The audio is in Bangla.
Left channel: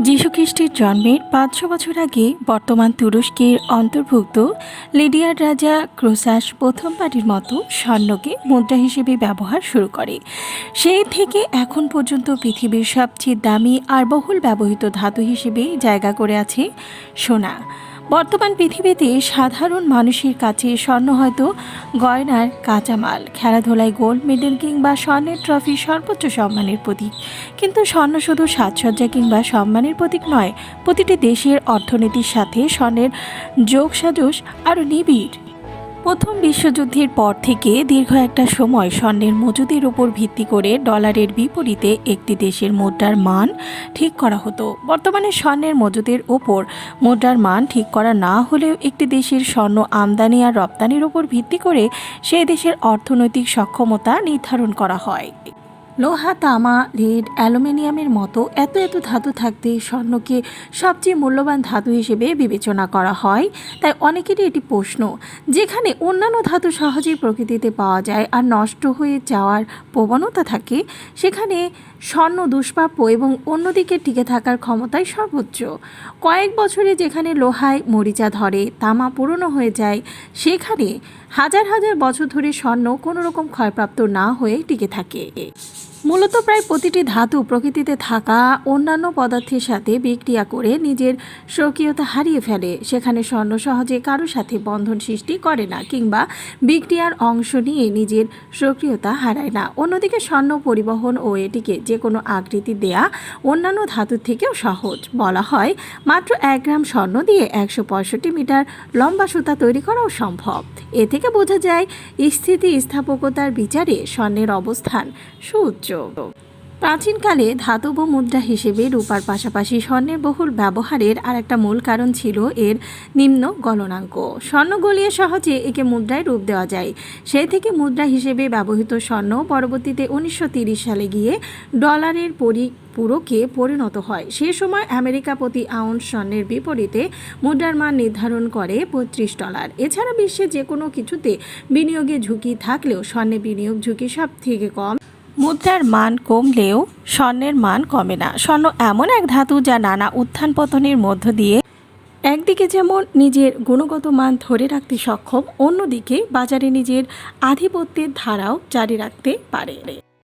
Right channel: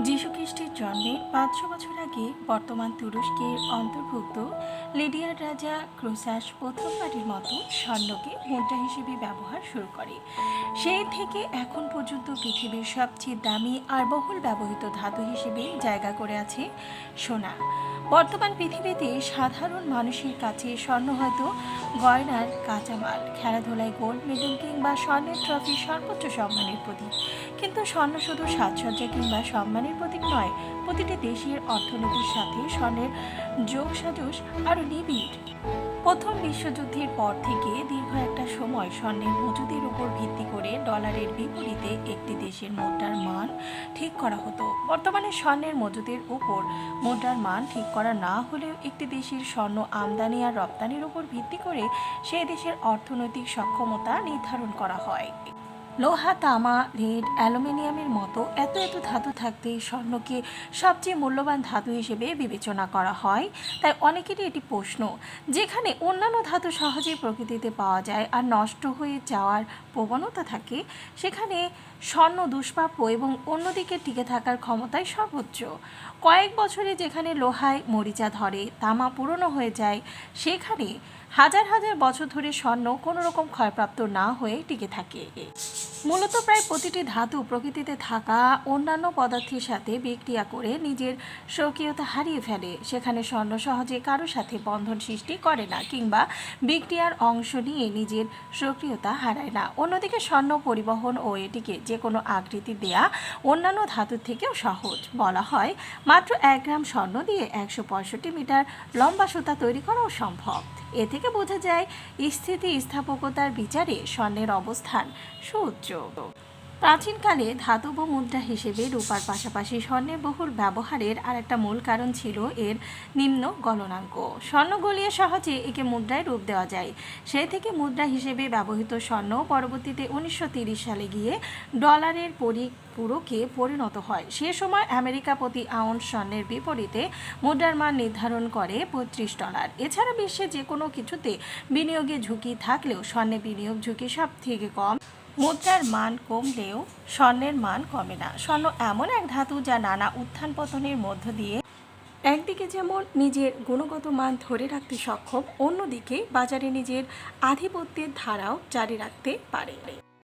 যীশুখ্রিস্টের জন্মের পাঁচশো বছর আগে বর্তমান তুরস্কের অন্তর্ভুক্ত লিডিয়ার রাজা ক্রোসাস প্রথমবারের মতো স্বর্ণকে মুদ্রা হিসেবে ব্যবহার শুরু করে। সেই থেকে এখন পর্যন্ত পৃথিবীর সবচেয়ে দামি আর বহুল ব্যবহৃত ধাতু হিসেবে জায়গা করে আছে সোনা। বর্তমান পৃথিবীতে সাধারণ মানুষের কাছে স্বর্ণ হয়তো গয়নার কাঁচামাল, খেলাধুলায় গোল্ড মেডেল কিংবা স্বর্ণের ট্রফি সর্বোচ্চ সম্মানের প্রতীক। কিন্তু স্বর্ণ শুধু সাজসজ্জা কিংবা সম্মানের প্রতীক নয়, প্রতিটি দেশের অর্থনীতির সাথে স্বর্ণের যোগসাজস আরও নিবিড়। প্রথম বিশ্বযুদ্ধের পর থেকে দীর্ঘ একটা সময় স্বর্ণের মজুদের উপর ভিত্তি করে ডলারের বিপরীতে একটি দেশের মুদ্রার মান ঠিক করা হতো। বর্তমানে স্বর্ণের মজুদের ওপর মুদ্রার মান ঠিক করা না হলেও একটি দেশের স্বর্ণ আমদানি আর রপ্তানির উপর ভিত্তি করে সেই দেশের অর্থনৈতিক সক্ষমতা নির্ধারণ করা হয়। লোহা, তামা, লেড, অ্যালুমিনিয়ামের মতো এত এত ধাতু থাকতে স্বর্ণকে সবচেয়ে মূল্যবান ধাতু হিসেবে বিবেচনা করা হয়। তাই অনেকেরই এটি প্রশ্ন, যেখানে অন্যান্য ধাতু সহজেই প্রকৃতিতে পাওয়া যায় আর নষ্ট হয়ে যাওয়ার প্রবণতা থাকে, সেখানে স্বর্ণ, দুষ্প্রাপ্য এবং অন্যদিকে টিকে থাকার ক্ষমতাই সর্বোচ্চ। কয়েক বছরে যেখানে লোহায় মরিচা ধরে, তামা পুরনো হয়ে যায়, সেখানে হাজার হাজার বছর ধরে স্বর্ণ কোনো রকম ক্ষয়প্রাপ্ত না হয়ে টিকে থাকে। মূলত প্রায় প্রতিটি ধাতু প্রকৃতিতে থাকা অন্যান্য পদার্থের সাথে বিক্রিয়া করে নিজের স্বকীয়তা হারিয়ে ফেলে। সেখানে স্বর্ণ সহজে কারও সাথে বন্ধন সৃষ্টি করে না কিংবা বিক্রিয়ার অংশ নিয়ে নিজের সক্রিয়তা হারায় না। অন্যদিকে স্বর্ণ পরিবহন ও এটিকে যে কোনো আকৃতি দেয়া অন্যান্য ধাতুর থেকেও সহজ। বলা হয়, মাত্র এক গ্রাম স্বর্ণ দিয়ে একশো পঁয়ষট্টি মিটার লম্বা সুতা তৈরি করাও সম্ভব। এ থেকে বোঝা যায় স্থিতি স্থাপকতার বিচারে স্বর্ণের অবস্থান সুউচ্চ প্রাচীনকালে ধাতব মুদ্রা হিসেবে রূপার পাশাপাশি স্বর্ণের বহুল ব্যবহারের আর একটা মূল কারণ ছিল এর নিম্ন গণনাঙ্ক স্বর্ণ গলিয়ে সহজে একে মুদ্রায় রূপ দেওয়া যায়। সেই থেকে মুদ্রা হিসেবে ব্যবহৃত স্বর্ণ পরবর্তীতে উনিশশো সালে গিয়ে ডলারের পরিপূরকে পরিণত হয়। সে সময় আমেরিকা প্রতি আউন্স স্বর্ণের বিপরীতে মুদ্রার মান নির্ধারণ করে পঁয়ত্রিশ ডলার। এছাড়া বিশ্বে যে কোনো কিছুতে বিনিয়োগে ঝুঁকি থাকলেও স্বর্ণে বিনিয়োগ ঝুঁকি সব থেকে কম। মুদ্রার মান কমলেও স্বর্ণের মান কমে না। স্বর্ণ এমন এক ধাতু যা নানা উত্থান পতনের মধ্য দিয়ে একদিকে যেমন নিজের গুণগত মান ধরে রাখতে সক্ষম, অন্যদিকে বাজারে নিজের আধিপত্যের ধারাও জারি রাখতে পারে।